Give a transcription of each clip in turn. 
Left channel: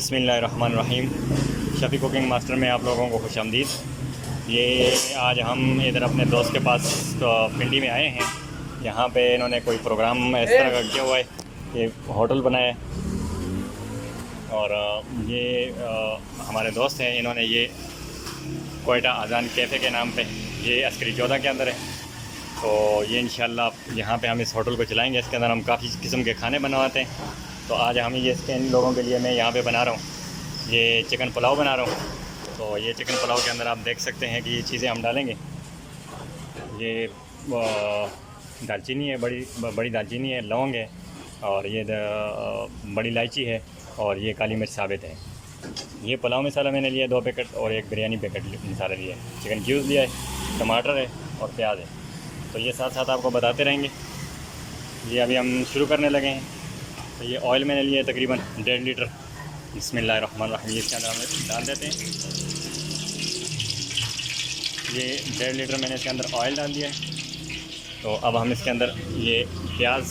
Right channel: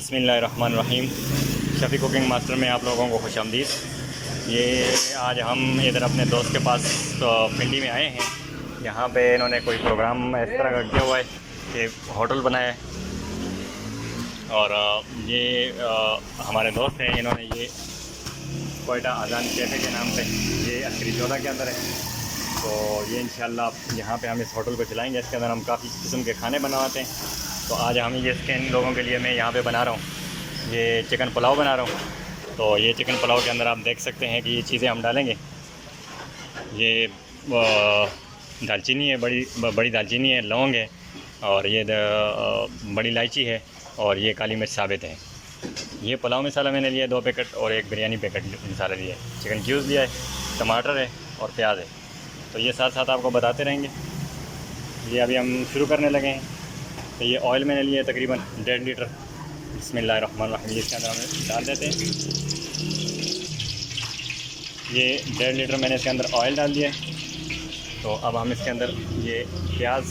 बिस्मिल्लाहिर्रहमानिर्रहीम। Shafi cooking master में आप लोगों को खुशामदीद। ये आज हम इधर अपने दोस्त के पास पिंडी में आए हैं। यहाँ पे इन्होंने कोई प्रोग्राम इस तरह का किया हुआ है कि होटल बनाया है और ये हमारे दोस्त हैं। इन्होंने ये कोयटा अजान कैफ़े के नाम पे, ये अस्करी 14 के अंदर है। तो ये इंशाल्लाह यहाँ पे हम इस होटल को चलाएँगे। इसके अंदर हम काफ़ी किस्म के खाने बनवाते हैं। तो आज हम ये इसके इन लोगों के लिए मैं यहाँ पे बना रहा हूँ, ये चिकन पुलाव बना रहा हूँ। तो ये चिकन पुलाव के अंदर आप देख सकते हैं कि ये चीज़ें हम डालेंगे। ये दालचीनी है, बड़ी दालचीनी है, लौंग है, और ये बड़ी इलायची है, और ये काली मिर्च साबित है। ये पुलाव मसाला मैंने लिया 2 पैकेट, और एक बिरयानी पैकेट मसाला लिया है। चिकन क्यूब्स लिया है, टमाटर है और प्याज है। तो ये साथ साथ आपको बताते रहेंगे। ये अभी हम शुरू करने लगे हैं। तो ये ऑयल मैंने लिया है तकरीबन 1.5 लीटर। बिस्मिल्लाहिर्रहमानिर्रहीम। इसके अंदर हम डाल देते हैं। ये 1.5 लीटर मैंने इसके अंदर ऑयल डाल दिया है। तो अब हम इसके अंदर ये प्याज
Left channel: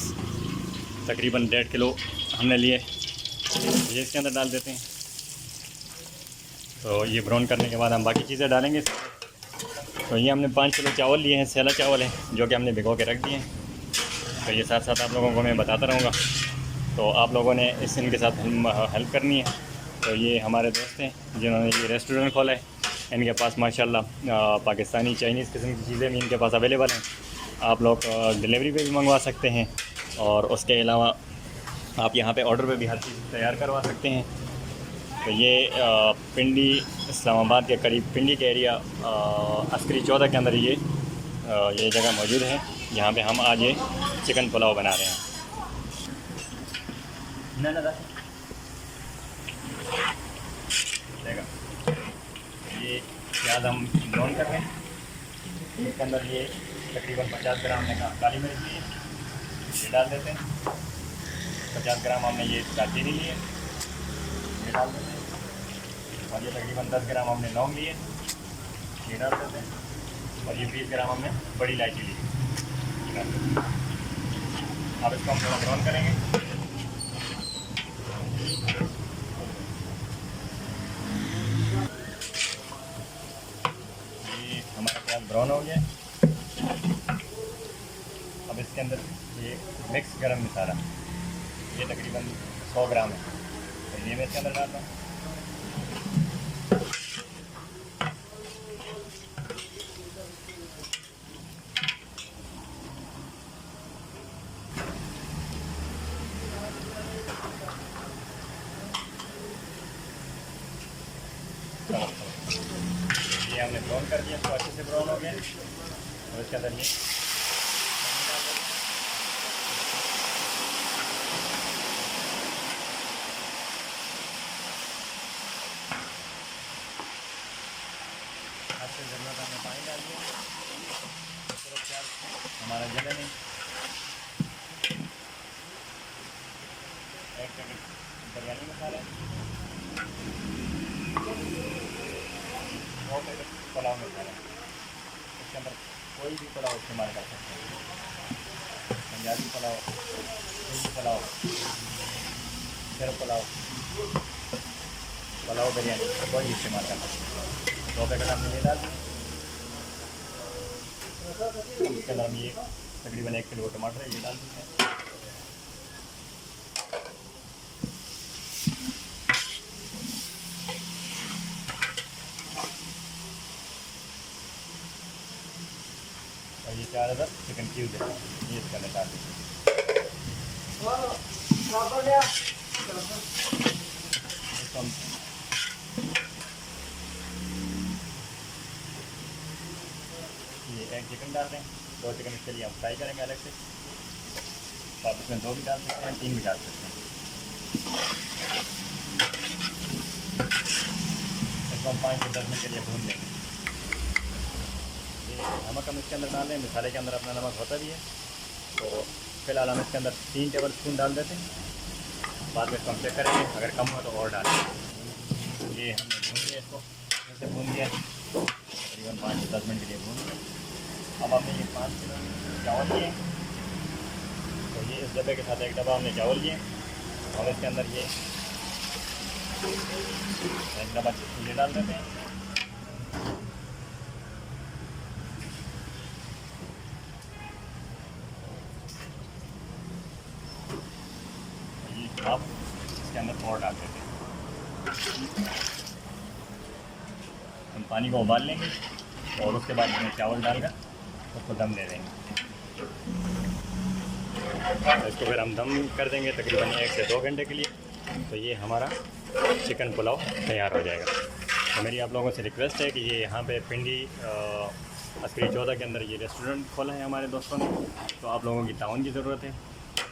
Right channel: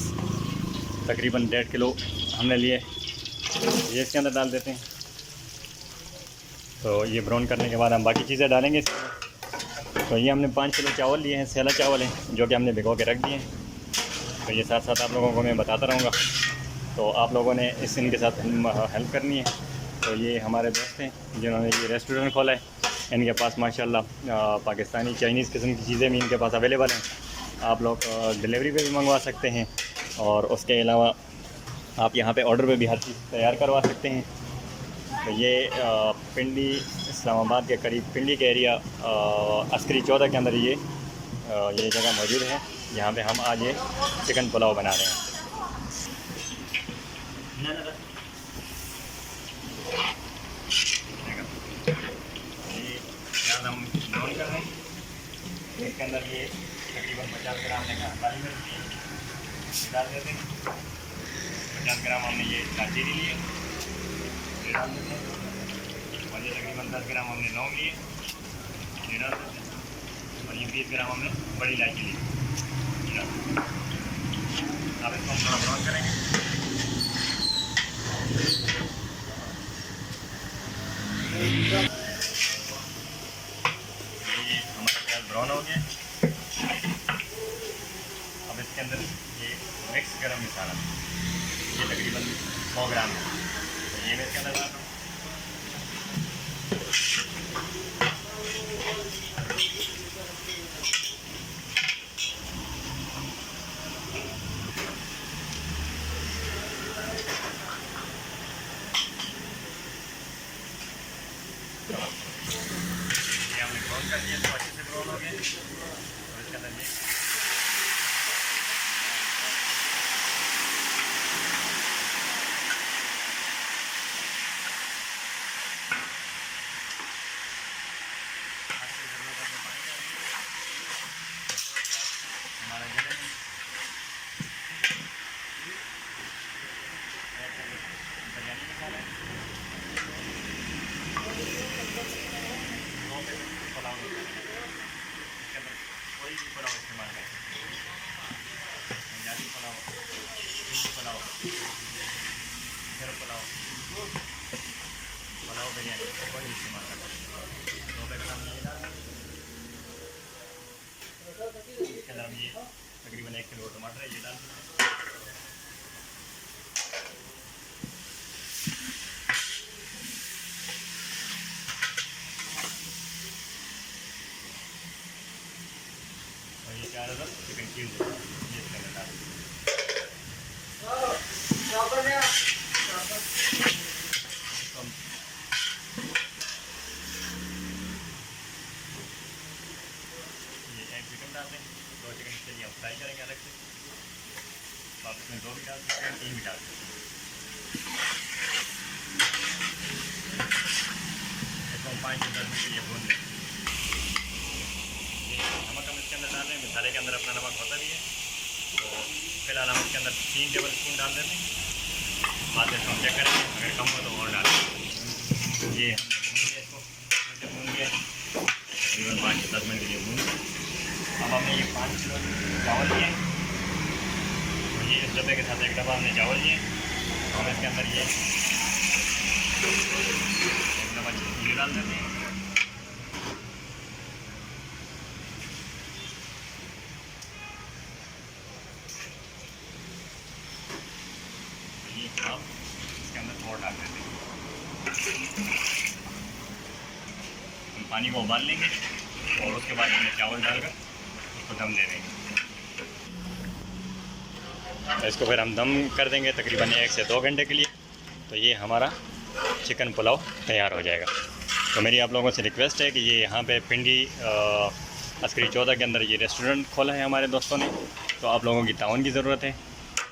तकरीबन 1.5 किलो हमने लिए, ये इसके अंदर डाल देते हैं। तो ये ब्राउन करने के बाद हम बाकी चीज़ें डालेंगे इसके अंदर। तो ये हमने 5 किलो चावल लिए हैं, सैला चावल हैं, जो कि हमने भिगो के रख दिए हैं। तो ये साथ साथ आप लोगों को मैं बताता रहूँगा। तो आप लोगों ने इनके साथ हेल्प करनी है। तो ये हमारे दोस्त हैं जिन्होंने ये रेस्टोरेंट खोला है। इनके पास माशाल्लाह पाकिस्तानी चाइनीज़ किस्म की चीज़ें भी इनके पास अवेलेबल हैं। आप लोग डिलीवरी पे भी मंगवा सकते हैं, और उसके अलावा आप यहाँ पे ऑर्डर पे भी हर चीज़ तैयार करवा सकते हैं। तो ये पिंडी इस्लामाबाद के करीब, पिंडी के एरिया अस्करी 14 के अंदर ये जगह मौजूद है। यहाँ पे हम आज ये चिकन पुलाव बना रहे हैं। ना ये प्याज हम ब्राउन कर रहे हैं। इसके अंदर ये तकरीबन 50 ग्राम हमने काली मिर्च ली है, ये डाल देते हैं। 50 ग्राम हमने ये दालचीनी लिए, ये डाल देते हैं। और ये तकरीबन 10 ग्राम हमने लौंग लिए, ये डाल देते हैं। और ये 20 ग्राम हमने बड़ी इलायची ली, ये डाल देते हैं। अब इसको हम थोड़ा ब्राउन करेंगे। ये हमारा प्याज ब्राउन हो गया। अब इसके अंदर ये मिक्स गरम मसाला, ये तकरीबन 100 ग्राम है, तो ये मैं इसके अंदर डाल रहा हूँ। ये हमने ब्राउन कर दिया, तो अच्छे से ब्राउन हो गया। और इसके अंदर ये पानी डाल दिया हमारा जगह में। बिरयानी मसाला, 2 पैकेट पुलाव मसाला। इसके अंदर कोई भी पुलाव इस्तेमाल कर सकते हैं। पंजाबी पुलाव, हिंदी पुलाव, फिर पुलाव, बिरयानी, कोई भी इस्तेमाल कर सकते हैं। 2 पैकेट हमने ये डाल दिए। इसके अंदर हम ये तकरीबन 1 किलो टमाटर है, ये डाल देते हैं। और ये 4 चिकन क्यूब्स है, ये इसके अंदर डाल दीजिए। ये 1 चिकन डाल दें, 2 चिकन इसके लिए हम फ्राई करेंगे अलग से। तो आप इसमें 2 भी डाल सकते हैं, 3 भी डाल सकते हैं। इसको हम 5 से 10 मिनट के लिए भून लेंगे। नमक हम इसके अंदर डाल लें, मसाले के अंदर अपना नमक होता भी है। तो फिलहाल हम इसके अंदर 3 टेबल स्पून डाल देते हैं। बाद में इसको हम चेक करेंगे, अगर कम हो तो और डालें। ये हमने भून लिया, इसको फिर से भून लिया तकरीबन 5 से 10 मिनट के लिए भून लिया। अब हमने ये 5 किलो चावल लिए, तो ये इस डब्बे के साथ एक डब्बा हमने चावल लिए। और इसके अंदर ये ये डाल देते हैं। आप इसके अंदर और डाल देते हैं। हम पानी को उबाल लेंगे और उसके बाद इसमें चावल डालकर उसको दम दे देंगे। इसको फिर हम दम कर देंगे तकरीबन 1 से 2 घंटे के लिए। तो ये हमारा चिकन पुलाव तैयार हो जाएगा। तो मेरी आप लोगों से रिक्वेस्ट है कि ये यहाँ पे पिंडी अस्करी 14 के अंदर ये रेस्टोरेंट खोला है हमारे दोस्तों ने। तो आप लोगों की ताउन की ज़रूरत है।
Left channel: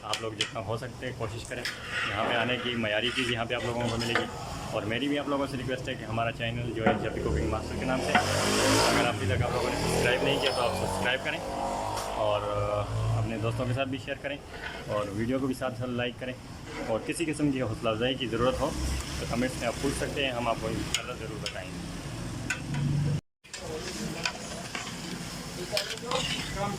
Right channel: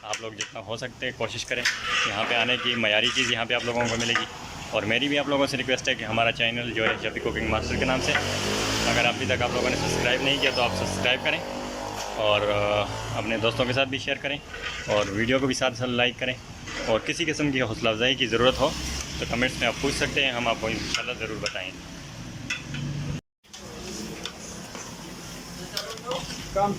आप लोग जितना हो सकते हैं कोशिश करें यहाँ पे आने की। मयारी चीज़ यहाँ पे आप लोगों को मिलेगी। और मेरी भी आप लोगों से रिक्वेस्ट है कि हमारा चैनल जो है शफी कुकिंग मास्टर के नाम से, अगर अभी तक आप लोगों ने सब्सक्राइब नहीं किया तो आप सब्सक्राइब करें और अपने दोस्तों के साथ भी शेयर करें और वीडियो को भी साथ साथ लाइक करें। और किसी किस्म की हौसला अफजाई की ज़रूरत हो तो कमेंट्स में आप पूछ सकते हैं, हम आपको इंशाल्लाह ज़रूर बताएंगे। काम